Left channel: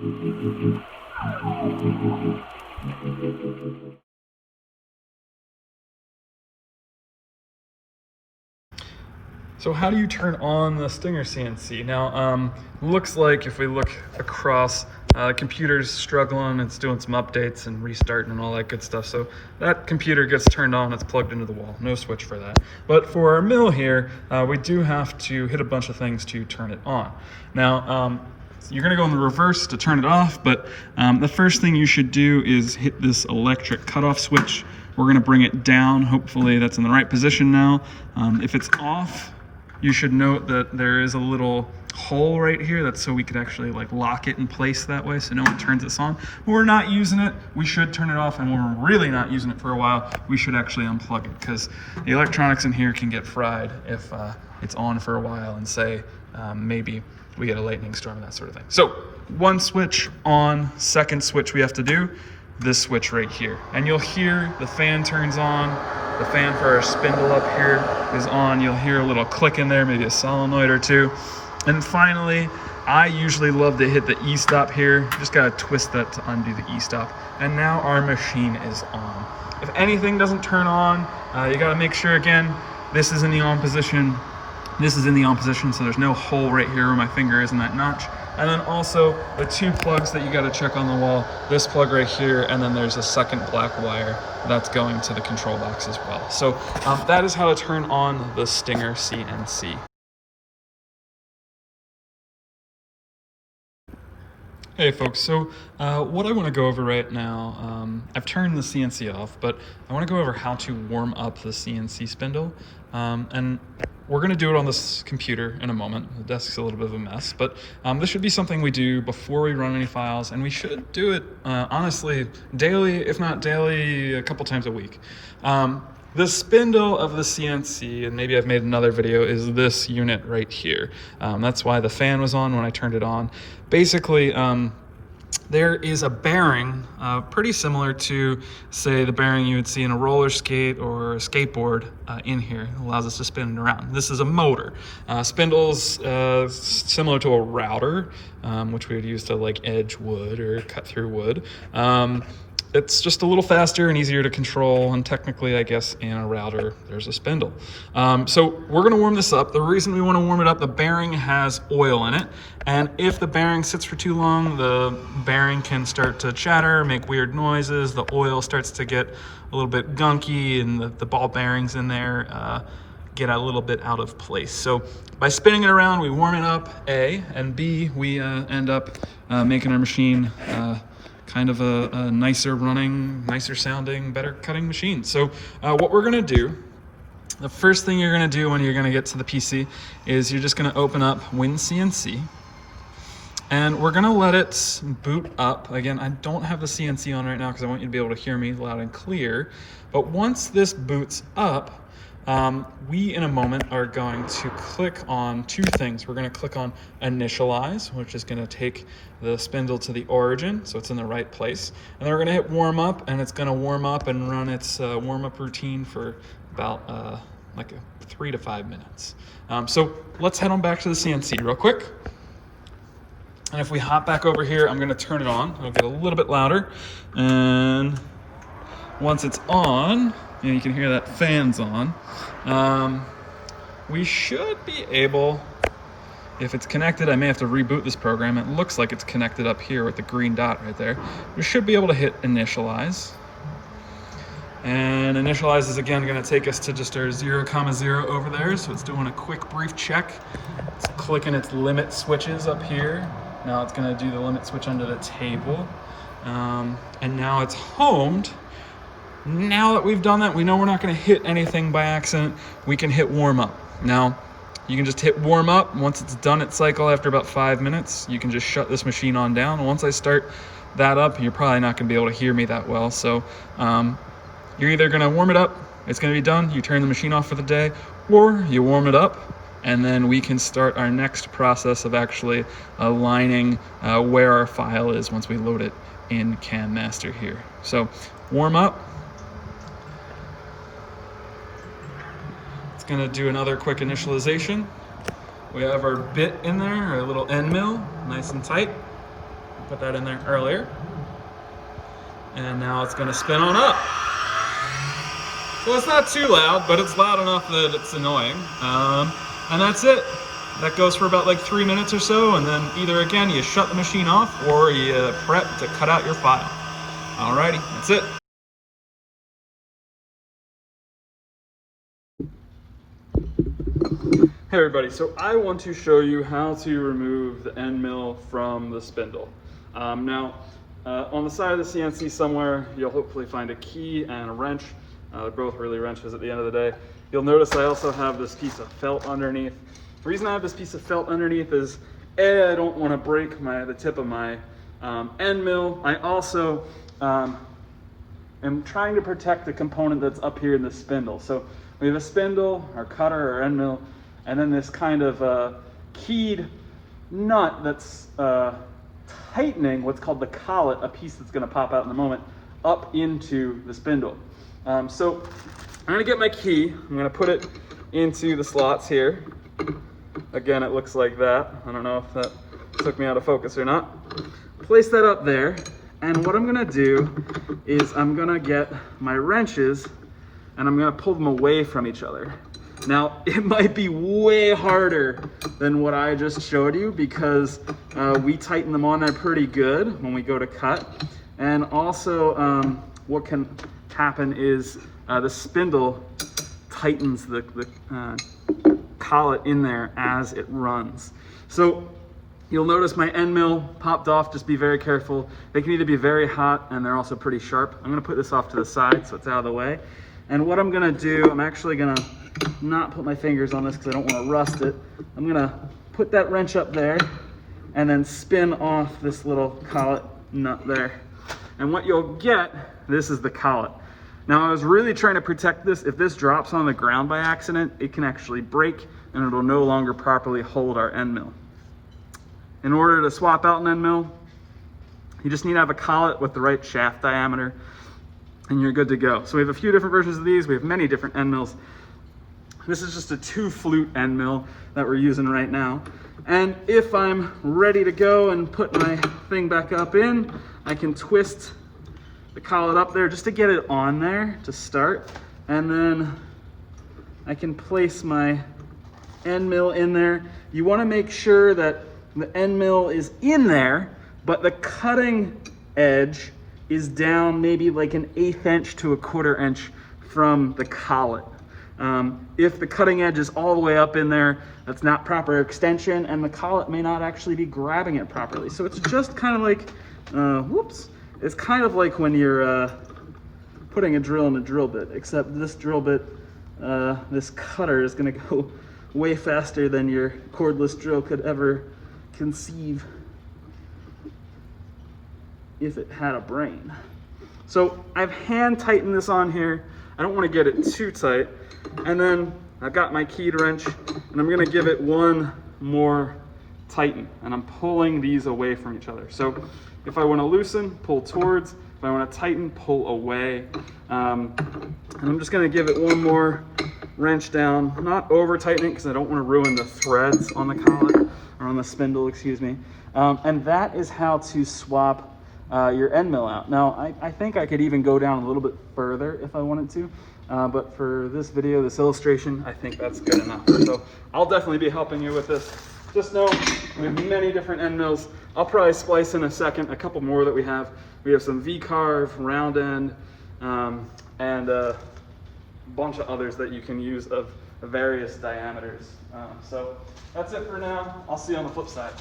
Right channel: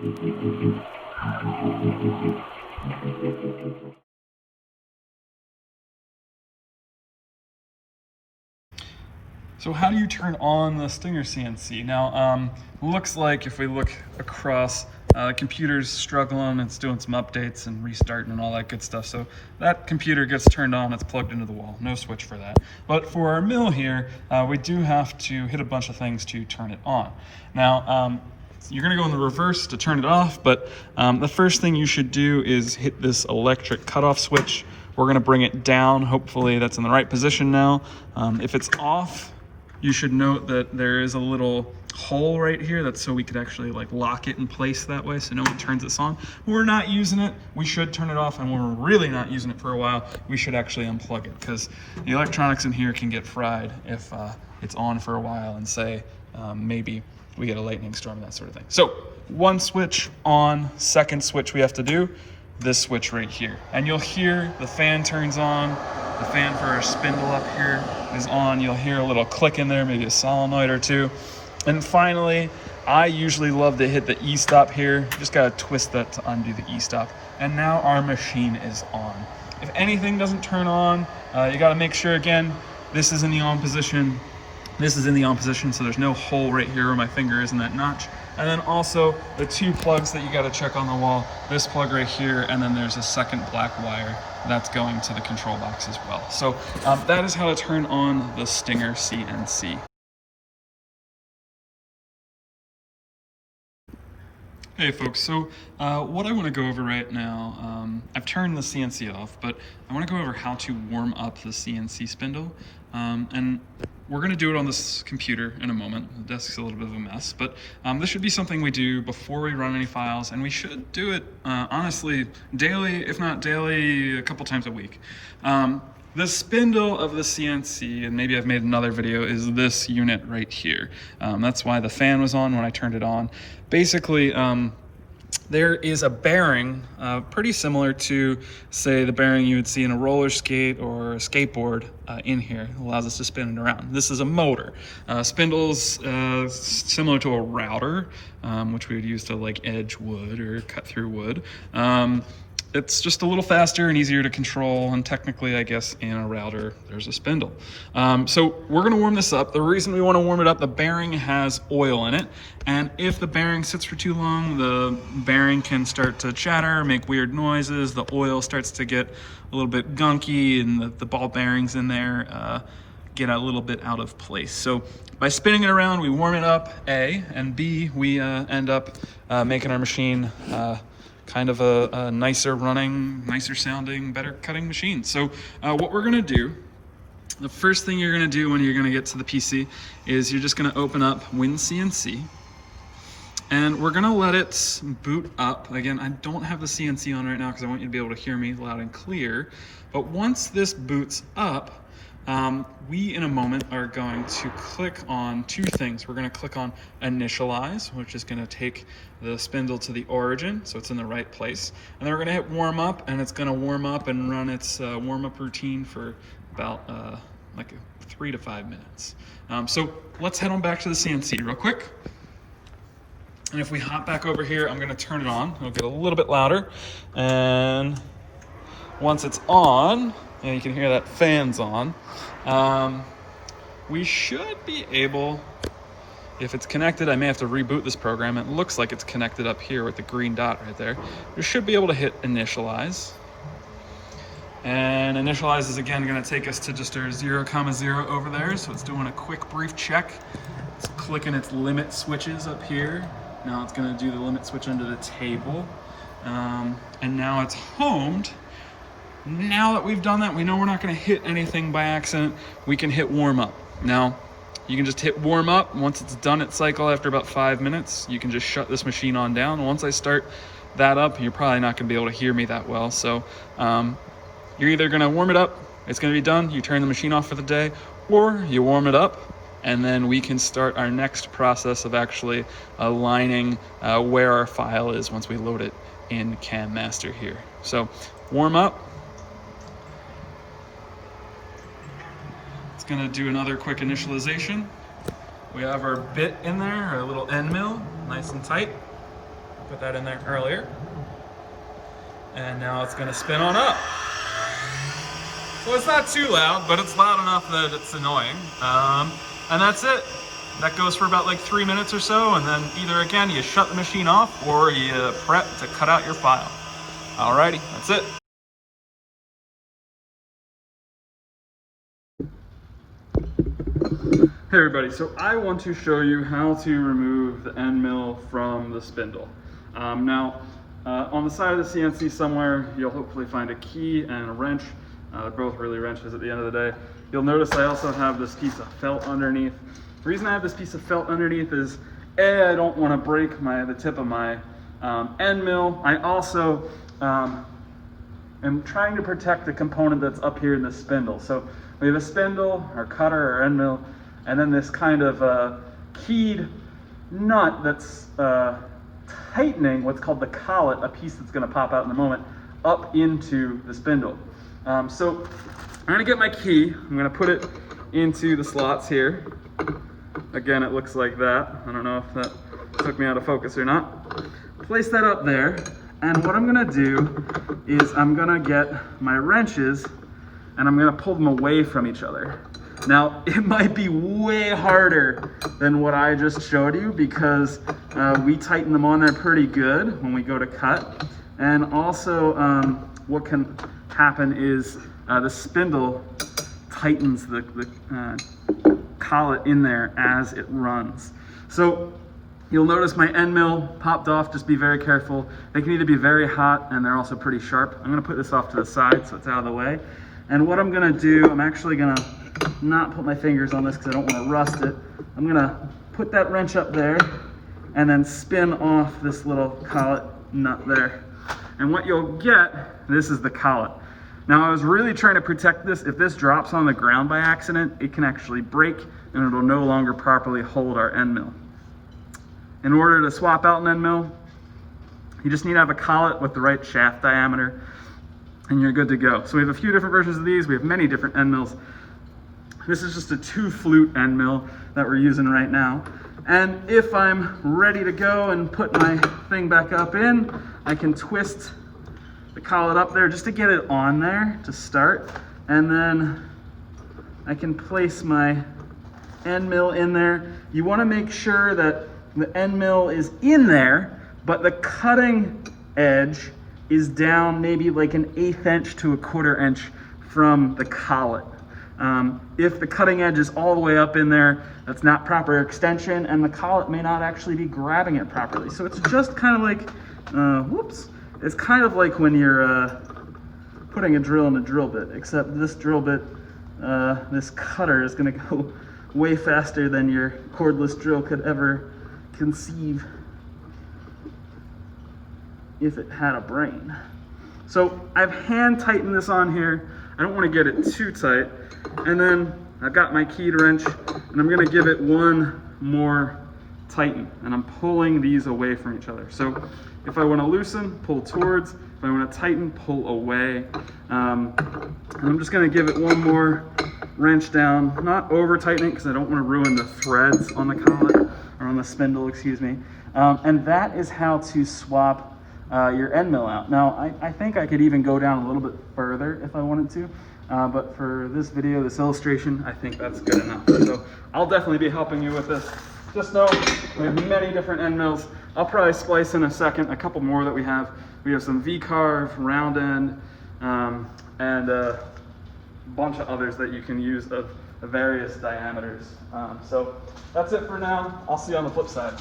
So how do you turn on the Stinger CNC? Now, looks like if we look across, the computer's struggling, it's doing some updates and restarting and all that good stuff. So that computer gets turned on, it's plugged into the wall, no switch for that. But for our mill here, we do have to hit a bunch of things to turn it on. Now, you're gonna go in the reverse to turn it off, but the first thing you should do is hit this electric cutoff switch. We're gonna bring it down. Hopefully that's in the right position now. If it's off, you should note that there is a little hole right here. That's so we could actually like lock it in place that way so no one turns this on. When we're not using it, we should turn it off, and when we're really not using it for a while, we should actually unplug it, because the electronics in here can get fried if it's on for a while and say maybe we get a lightning storm, that sort of thing. So one switch on, second switch we have to do, this switch right here. And you'll hear the fan turns on. The fan for our spindle up here is on. You'll hear a little click in there, maybe a solenoid or two. And finally, I usually love to hit the E-stop here. Just gotta twist that to undo the E-stop. And now our machine is on. If anything doesn't turn on, you gotta make sure, again, this is in the on position. This is in the on position, so there's no hole right here where my finger is in that notch. And then also the two plugs that you gotta check on the wall, this plug right here, and then there's a second black wire that's going to the control box as well. So that is how to turn on the Stinger CNC. Hey folks, so what I want to go over right now, I've turned the CNC off, but I want to go over how to warm up the CNC spindle. And we're going to do it on this computer in a moment. The desk's a little bit of a mess, but this should be something we do before we run any files, and we should do it honestly daily, if not daily, a couple times a week. The spindle of the CNC, and maybe I've made another video, is this unit right here. That's why the fan was on when I turned it on. Basically, there is a bearing pretty similar to, say, the bearing you would see in a roller skate or a skateboard in here. It allows us to spin it around. This is a motor. Spindle's similar to a router, which we would use to like edge wood or cut through wood. It's just a little faster and easier to control, and technically, I guess, in a router, there's a spindle. So we're gonna warm this up. The reason we wanna warm it up, the bearing has oil in it, and if the bearing sits for too long, the bearing can start to chatter, make weird noises, the oil starts to get a little bit gunky, and the ball bearings in there get a little bit out of place. So by spinning it around, we warm it up, A, and B, we end up making our machine kind of a nicer running, nicer sounding, better cutting machine. So what we're gonna do, the first thing you're gonna do when you're gonna get to the PC is you're just gonna open up WinCNC, and we're gonna let it boot up. Again, I don't have the CNC on right now because I want you to be able to hear me loud and clear. But once this boots up, we in a moment are going to click on two things. We're going to click on Initialize, which is going to take the spindle to the origin, so it's in the right place. And then we're going to hit Warm Up, and it's going to warm up and run its warm-up routine for about like 3 to 5 minutes. So let's head on back to the CNC real quick. And if we hop back over here, I'm going to turn it on. It'll get a little bit louder. And once it's on, and you can hear that fan's on, we should be able, if it's connected, I may have to reboot this program. It looks like it's connected up here with the green dot right there. We should be able to hit Initialize. And Initialize is again going to take us to just our 0,0 over there. So it's doing a quick brief check. It's clicking its limit switches up here. Now it's going to do the limit switch under the table. And now it's homed. Now that we've done that, we know we're not going to hit anything by accident. We can hit warm up. Now, you can just hit warm up. Once it's done its cycle after about 5 minutes, you can just shut this machine on down. Once I start that up, you're probably not going to be able to hear me that well. So you're either going to warm it up, it's going to be done, you turn the machine off for the day, or you warm it up, and then we can start our next process of actually aligning where our file is once we load it in CAM Master here. So warm up. It's going to do another quick initialization. We have our bit in there, our little end mill, nice and tight. Put that in there earlier. And now it's gonna spin on up. So it's not too loud, but it's loud enough that it's annoying. And that's it. That goes for about like 3 minutes or so, and then either again you shut the machine off or you prep to cut out your file. Alrighty, that's it. Hey everybody, so I want to show you how to remove the end mill from the spindle. Now, on the side of the CNC somewhere, you'll hopefully find a key and a wrench. They're both really wrenches at the end of the day. You'll notice I also have this piece of felt underneath. The reason I have this piece of felt underneath is A, I don't want to break the tip of my end mill. I also am trying to protect the component that's up here in the spindle. So we have a spindle, our cutter, our end mill, and then this kind of keyed nut that's tightening what's called the collet, a piece that's going to pop out in a moment, up into the spindle. So I'm going to get my key. I'm going to put it into the slots here. Again, it looks like that. I don't know if that took me out of focus or not. Place that up there, and what I'm going to do is I'm going to get my wrenches and I'm going to pull them away from each other. Now, it might be way harder than what I just showed you because we tighten them on there pretty good when we go to cut. And also, what can happen is the spindle tightens the collet in there as it runs. So you'll notice my end mill popped off. Just be very careful. They can either be very hot and they're also pretty sharp. I'm going to put this off to the side so it's out of the way. And what I'm going to do, I'm actually going to not put my fingers on this because I don't want to rust it. I'm going to put that wrench up there and then spin off this little collet nut there. And what you'll get, this is the collet. Now I was really trying to protect this. If this drops on the ground by accident, it can actually break and it'll no longer properly hold our end mill. In order to swap out an end mill, you just need to have a collet with the right shaft diameter and you're good to go. So we have a few different versions of these. We have many different end mills. This is just a 2-flute end mill that we're using right now. And if I'm ready to go and put my thing back up in, I can twist the collet up there just to get it on there to start. And then I can place my end mill in there. You want to make sure that the end mill is in there, but the cutting edge is down maybe like an 1/8 inch to 1/4 inch from the collet. If the cutting edge is all the way up in there, that's not proper extension and the collet may not actually be grabbing it properly. So it's just kind of like, it's kind of like when you're putting a drill in a drill bit, except this drill bit, this cutter is gonna go way faster than your cordless drill could ever conceive if it had a brain. So I've hand tightened this on here. I don't want to get it too tight. And then I've got my keyed wrench and I'm going to give it one more tighten. And I'm pulling these away from each other. So if I want to loosen, pull towards. If I want to tighten, pull away. And I'm just going to give it one more wrench down. Not over tightening because I don't want to ruin the threads on the collet, or on the spindle, excuse me. And that is how to swap your end mill out. Now, I think I could even go down a little bit further if I wanted to, but for this video, this illustration, I think that's good enough. So I'll definitely be helping you with this. Just know we have many different end mills. I'll probably splice in a second a couple more that we have. We have some V-carve, round end, and a bunch of others that you can use of various diameters. So that's it for now. I'll see you on the flip side.